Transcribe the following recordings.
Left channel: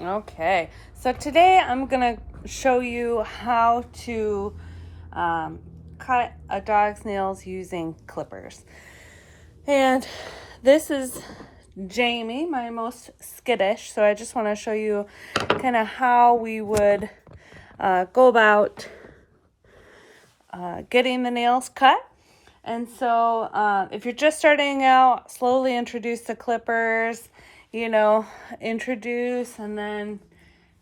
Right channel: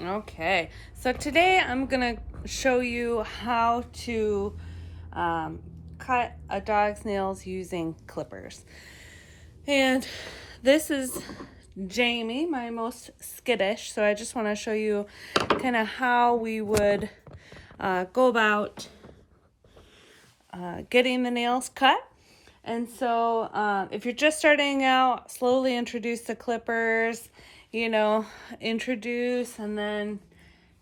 Okay, so today I'm gonna show you how to cut a dog's nails using clippers. And this is Jamie, my most skittish, so I just want to show you kind of how we would go about getting the nails cut. And so if you're just starting out, slowly introduce the clippers, introduce and then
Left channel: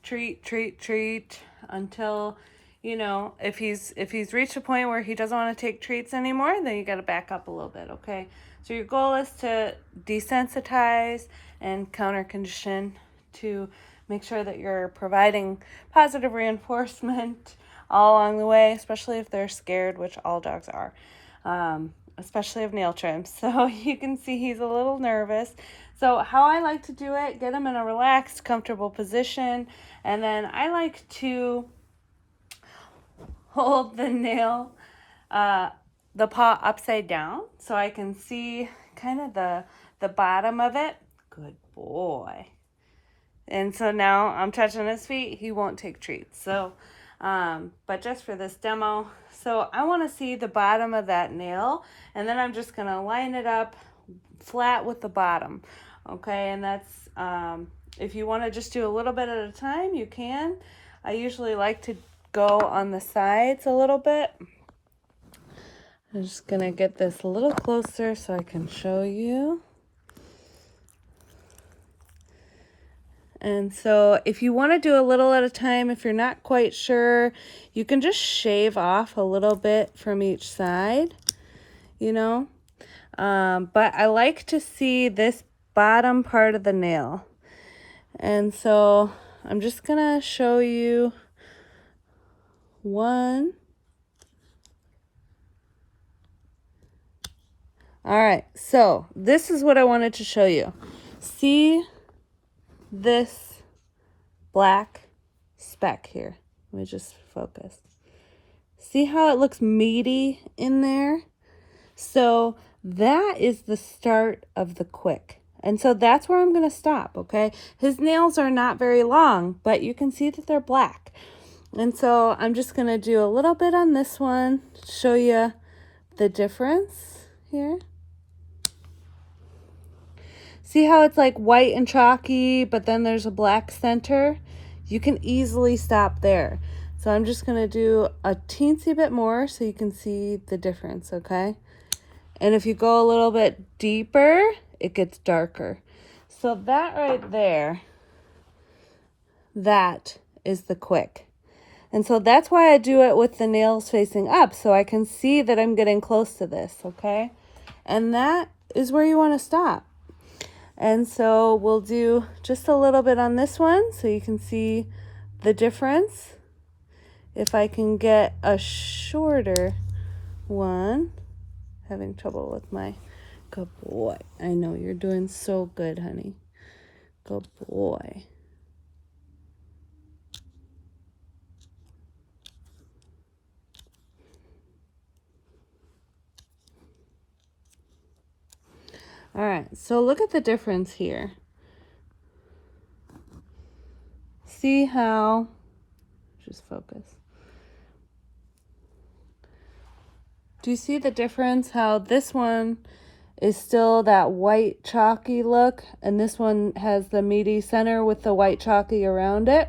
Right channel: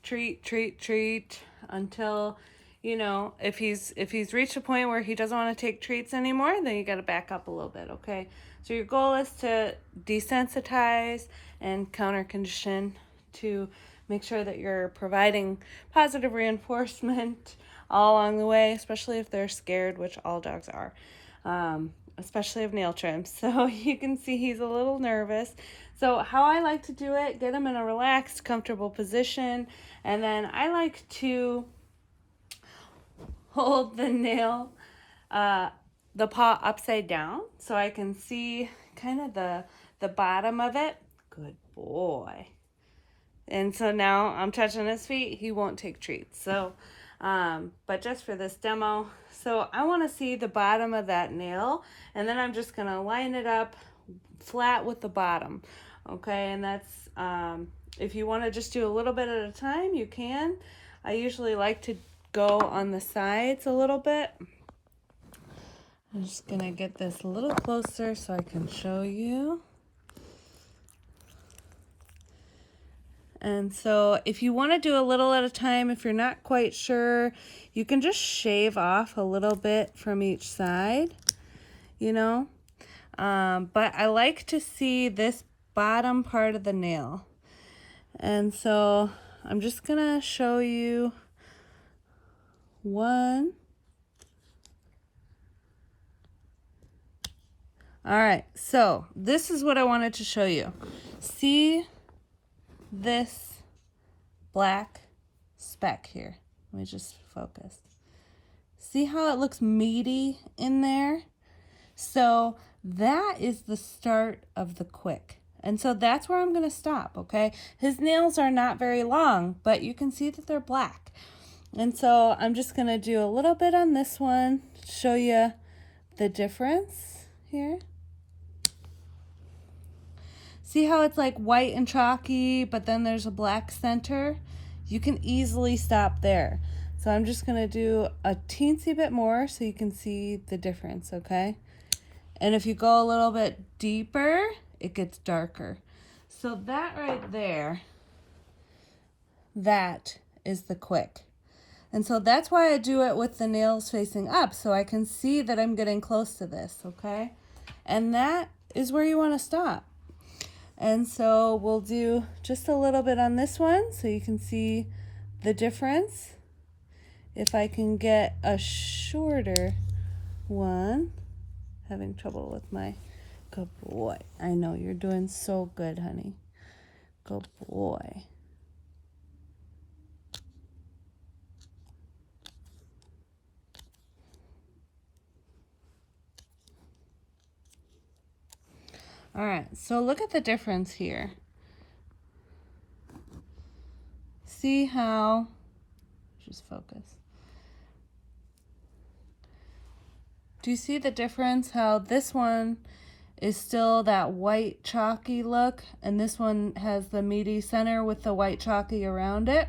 treat until, if he's reached a point where he doesn't want to take treats anymore, then you got to back up a little bit, okay? So your goal is to desensitize and counter condition to make sure that you're providing positive reinforcement all along the way, especially if they're scared, which all dogs are, especially of nail trims. So you can see he's a little nervous. So how I like to do it, get him in a relaxed, comfortable position, and then I like to hold the nail, the paw upside down, so I can see kind of the bottom of it. Good boy. And so now I'm touching his feet. He won't take treats. So, but just for this demo, so I want to see the bottom of that nail, and then I'm just going to line it up flat with the bottom. Okay, and that's, if you want to just do a little bit at a time, you can. I usually like to go on the sides a little bit. I'm just going to get this a little closer so I can show you. And so if you want to do a little at a time, if you're not quite sure, you can just shave off a little bit from each side, but I like to see this bottom part of the nail. And so I'm just going to show you one. All right, so this is what I wanted to show you. See this black speck here? Let me just focus. See how it looks meaty in there? So that is the start of the quick. And so that's where I'm going to stop, okay? His nails are not very long, but you can see that they're black. And so I'm just going to do a little bit on this one, show you the difference here. See how it's like white and chalky, but then there's a black center? You can easily stop there. So I'm just going to do a teensy bit more so you can see the difference, okay? And if you go a little bit deeper, it gets darker. So that right there, that is the quick. And so that's why I do it with the nails facing up, so I can see that I'm getting close to this, okay? And that is where you want to stop. And so we'll do just a little bit on this one so you can see the difference. If I can get a shorter one. Having trouble with my good boy. I know you're doing so good, honey. Good boy. All right, so look at the difference here. See how, just focus. Do you see the difference? How this one is still that white chalky look, and this one has the meaty center with the white chalky around it.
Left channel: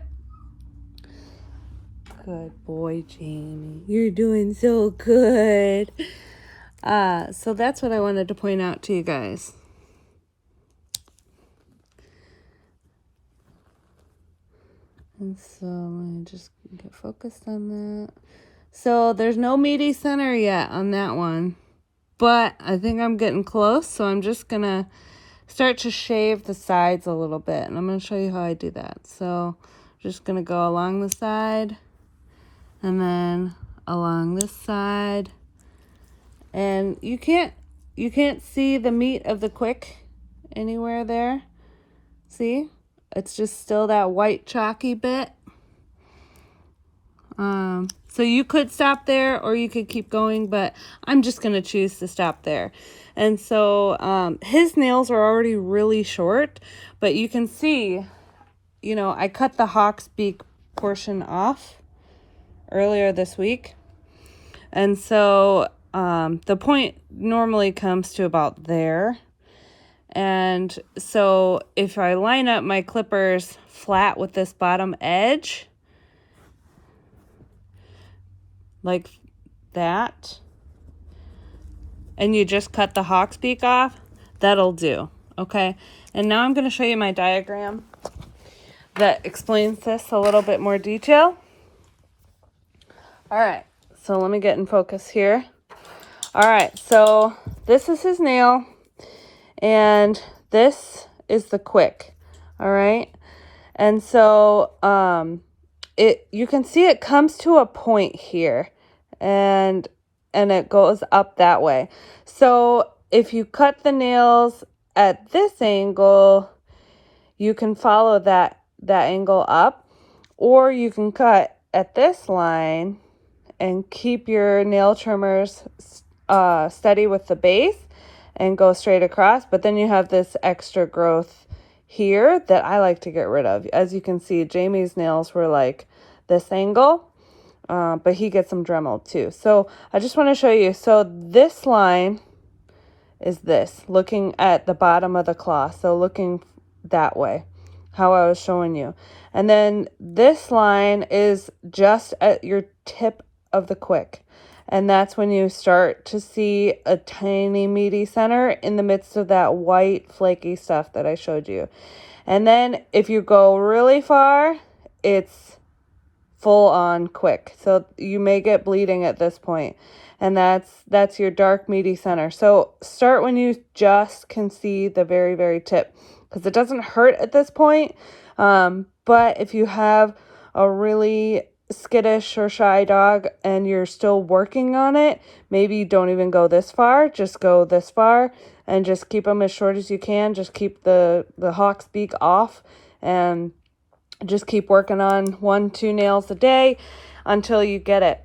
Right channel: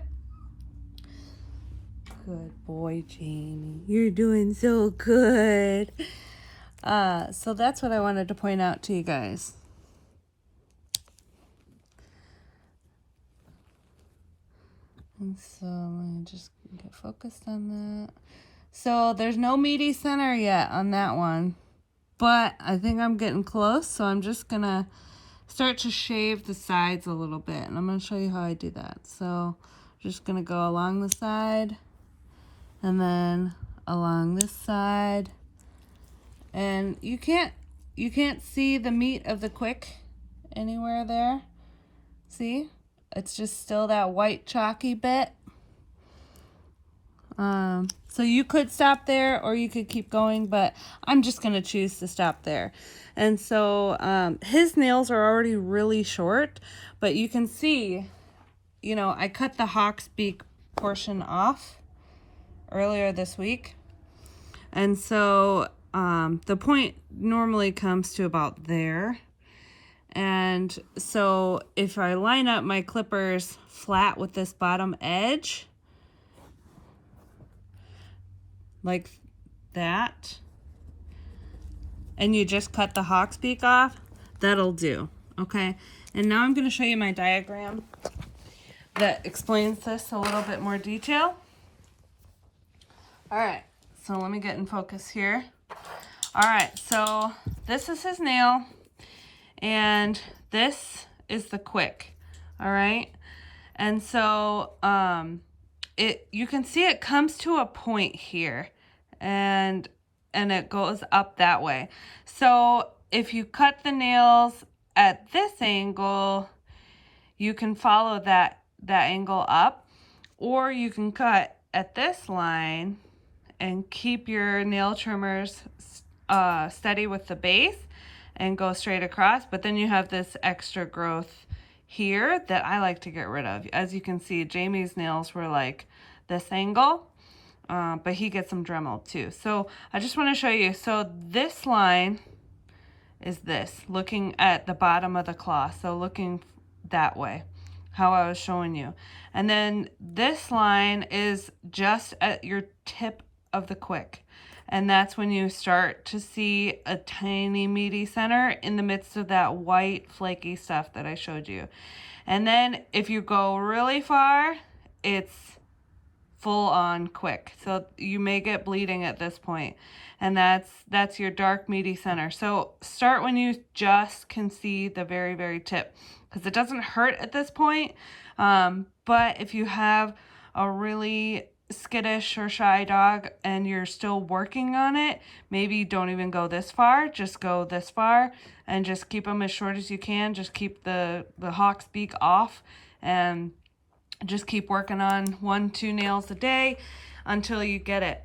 Good boy, Jamie. You're doing so good. So that's what I wanted to point out to you guys. And so let me just get focused on that. So there's no meaty center yet on that one, but I think I'm getting close. So I'm just gonna start to shave the sides a little bit, and I'm gonna show you how I do that. So just gonna go along the side and then along this side. And you can't see the meat of the quick anywhere there. See? It's just still that white chalky bit. So you could stop there or you could keep going, but I'm just going to choose to stop there. And so his nails are already really short, but you can see you know, I cut the hawk's beak portion off earlier this week. And so the point normally comes to about there. And so if I line up my clippers flat with this bottom edge, like that, and you just cut the hawk's beak off, that'll do. Okay, and now I'm going to show you my diagram that explains this a little bit more detail. All right, so let me get in focus here. All right, so this is his nail, and this is the quick. All right, and so you can see it comes to a point here, and it goes up that way. So if you cut the nails at this angle, you can follow that angle up, or you can cut at this line and keep your nail trimmers steady with the base and go straight across. But then you have this extra growth here that I like to get rid of. As you can see, Jamie's nails were like this angle, but he gets them Dremeled too. So I just want to show you. So this line is this, looking at the bottom of the claw. So looking that way, how I was showing you. And then this line is just at your tip of the quick. And that's when you start to see a tiny meaty center in the midst of that white flaky stuff that I showed you. And then if you go really far, it's full on quick. So you may get bleeding at this point. And that's your dark meaty center. So start when you just can see the very, very tip, because it doesn't hurt at this point. But if you have a really skittish or shy dog and you're still working on it, maybe don't even go this far, just go this far and just keep them as short as you can. Just keep the hawk's beak off and just keep working on 1-2 nails a day until you get it.